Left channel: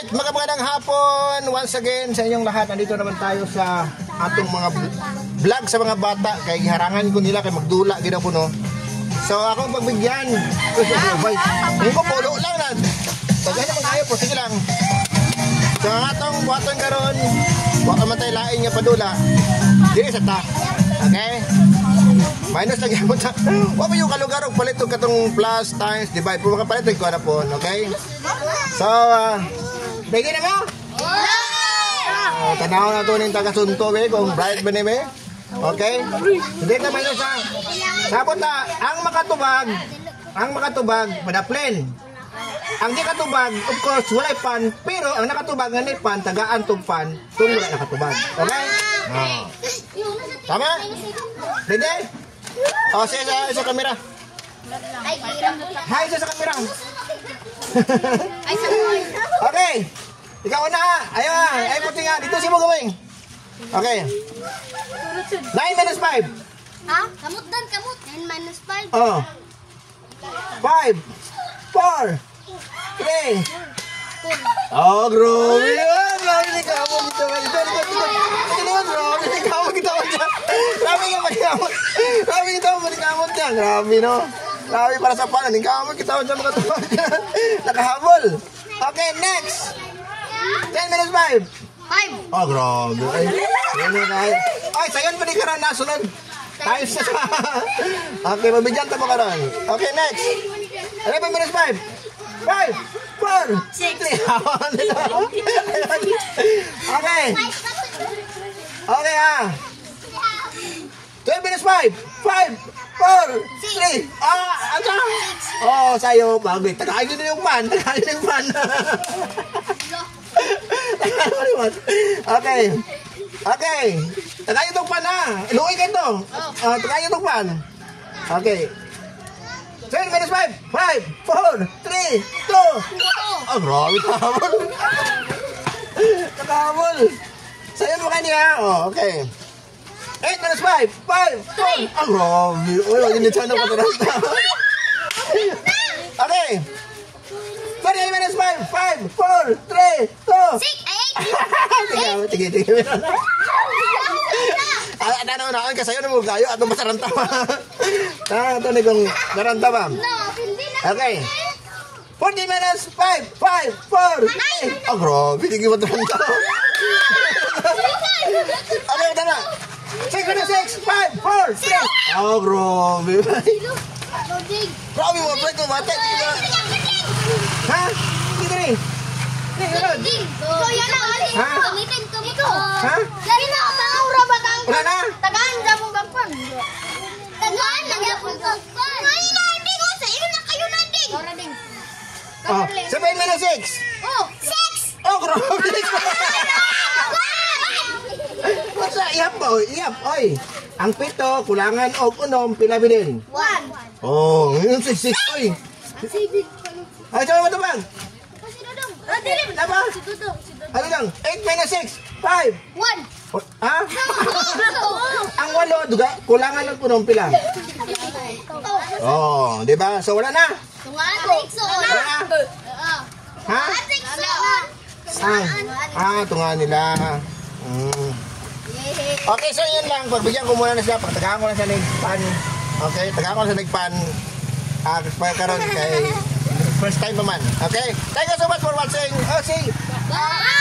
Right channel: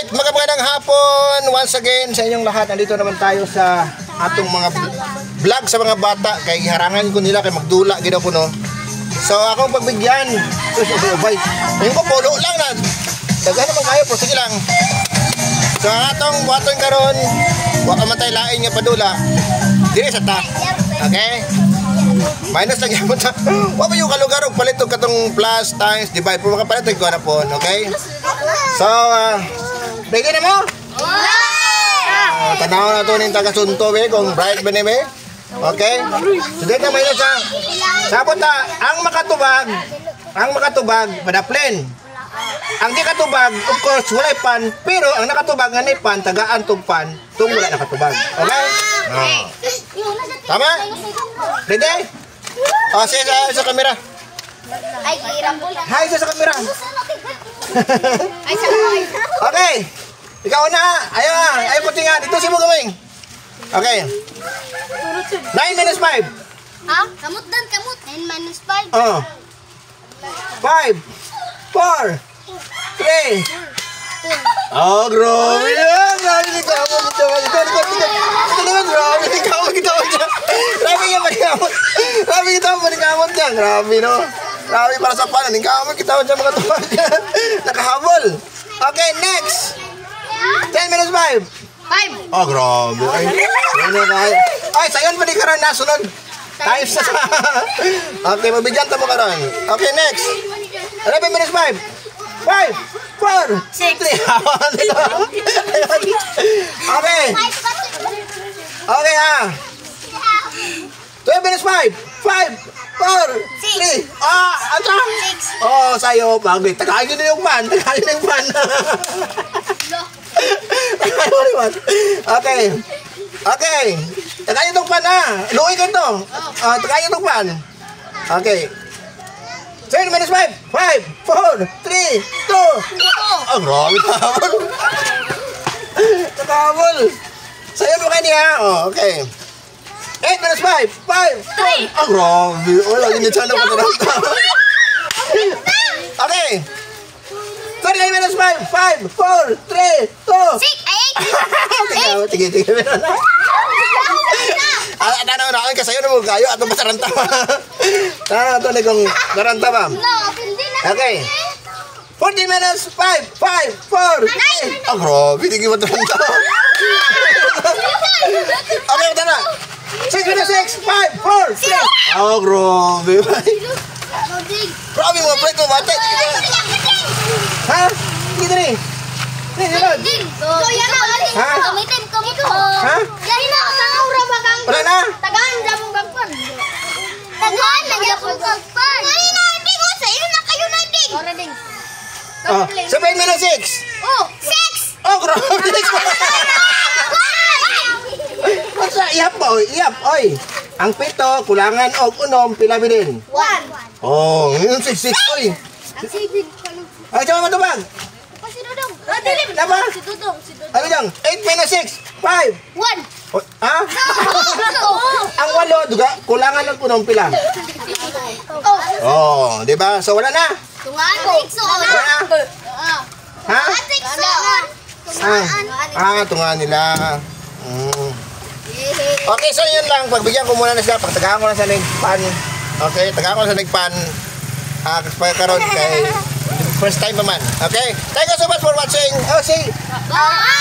Alright, magandang hapon once again sa inyong lahat. Nandito naman tayo sa atong mga vlog sa mga bata. Kay harangan ko nila kay magdula gid ako no. So akong pagbigyan. Yung ko polo lang na. Daghan naman kayo, pero sige lang. So ang atong buhaton karon, wala man tayo lain nga padula. Dili sa ta. Okay? Minus lang yan mo ta. Wa ba yung kalugar og palit og katong plus times divide pero makapalit og kuha na po, okay? So, ready na mo? Tanaw na to ning taga Sunto be kung bright ba ni be. Okay? So dito minus sa sabot ta ang makatubag pada plain. Ang di katubag, of course, walay pan, pero ang nakatubag nga ni pan, tagaan tong pan, tung wala nakatubag. Okay? Tama? Ready? O, sige sa kamera. Ay, hirap mo lang. Hi sa kamera. Okay. Ikaw na. Ayaw nga. Ayaw puti nga. Dito si mo gawing. Okay. 9 minus 5. Ha? Kamot dan, kamot. 9 minus 5. Oh. 5, 4, 3. Oh, grabe yan. Grabe ni Kamot. Ito naman, grabe ni Kamot. Grabe nga pa ni Kamot. Grabe kita pa ni Kamot yan. Grabe, no? Grabe para sa panan. Ni Kamot, kita dyan mga tubag. Nakahabol. Okay, next. 10 minus 5. 5. Oh, grabe. Ay, sayon pa ni Karan nasunod. Times na sa... Okay, mabigyan ta mo Karan. Okay, next. 11 minus 5. 5, 4, 6, 3. Okay. Okay, ha. 12 minus 5. 5, 4, 3. Ata. Oh, sayo. Bagay. Tagayin na yung pan. Okay. Okay. Tagayin itong pan, ha. Luoy ka ito. Tagayin itong pan. Okay. 10 minus 5. 5, 4, 3, 2. Oh, grabe kabol. Kabol. Sayo mo kayo niya. Oh, okay. 8 minus 5. 5, 4. Oh, grabe. Wala, hindi siya na pataranta. Okay. 38 minus 5. 5, 4, 3, 2. 6, 8. Tige. Ano na kasayo na mo kayo atong masaranta pa. Ito na kung garanta pa. Okay. 40 minus 5, 5, 4, 3. Oh, grabe. Hindi mo taranta. Okay, ito na. 6 minus 6, 5, 4, 3. Oh, grabe. Grabe mo, break mo, bata. Ha? Dito rin. Ha? Ha? Wala na? Tagaan na mong gagpan. Tagaan na mong gagpan. Ay, natin ko sa iyo na kayo na ding. Ora ding. 7 minus 6. Oh, 6. Oh, grabe. Basta ihap ba? Ihap, oy. Ang pito, kulangan og unom, pila bilin? 1. Oh, yun 6, oy. Ay, siya matubag. Si Dudong. Radilim. Apa? Si Dudong. Ay, bidang. 8 minus 6. 5. 1. Ha? Ang walo, duga, kulangan ng punong pila. Oh, di ba? So, wala na. Tungan. Wala na. Ha? Tungan nila. Okay, so yun lang. Pagbigyan ko muna na sila. Pagtagaan ko na sa nagpan. Okay, tagaan ko na sa nagpan. Pagkaroon kay first time naman. Okay? Thank you so much for watching. Oh, see. Bye.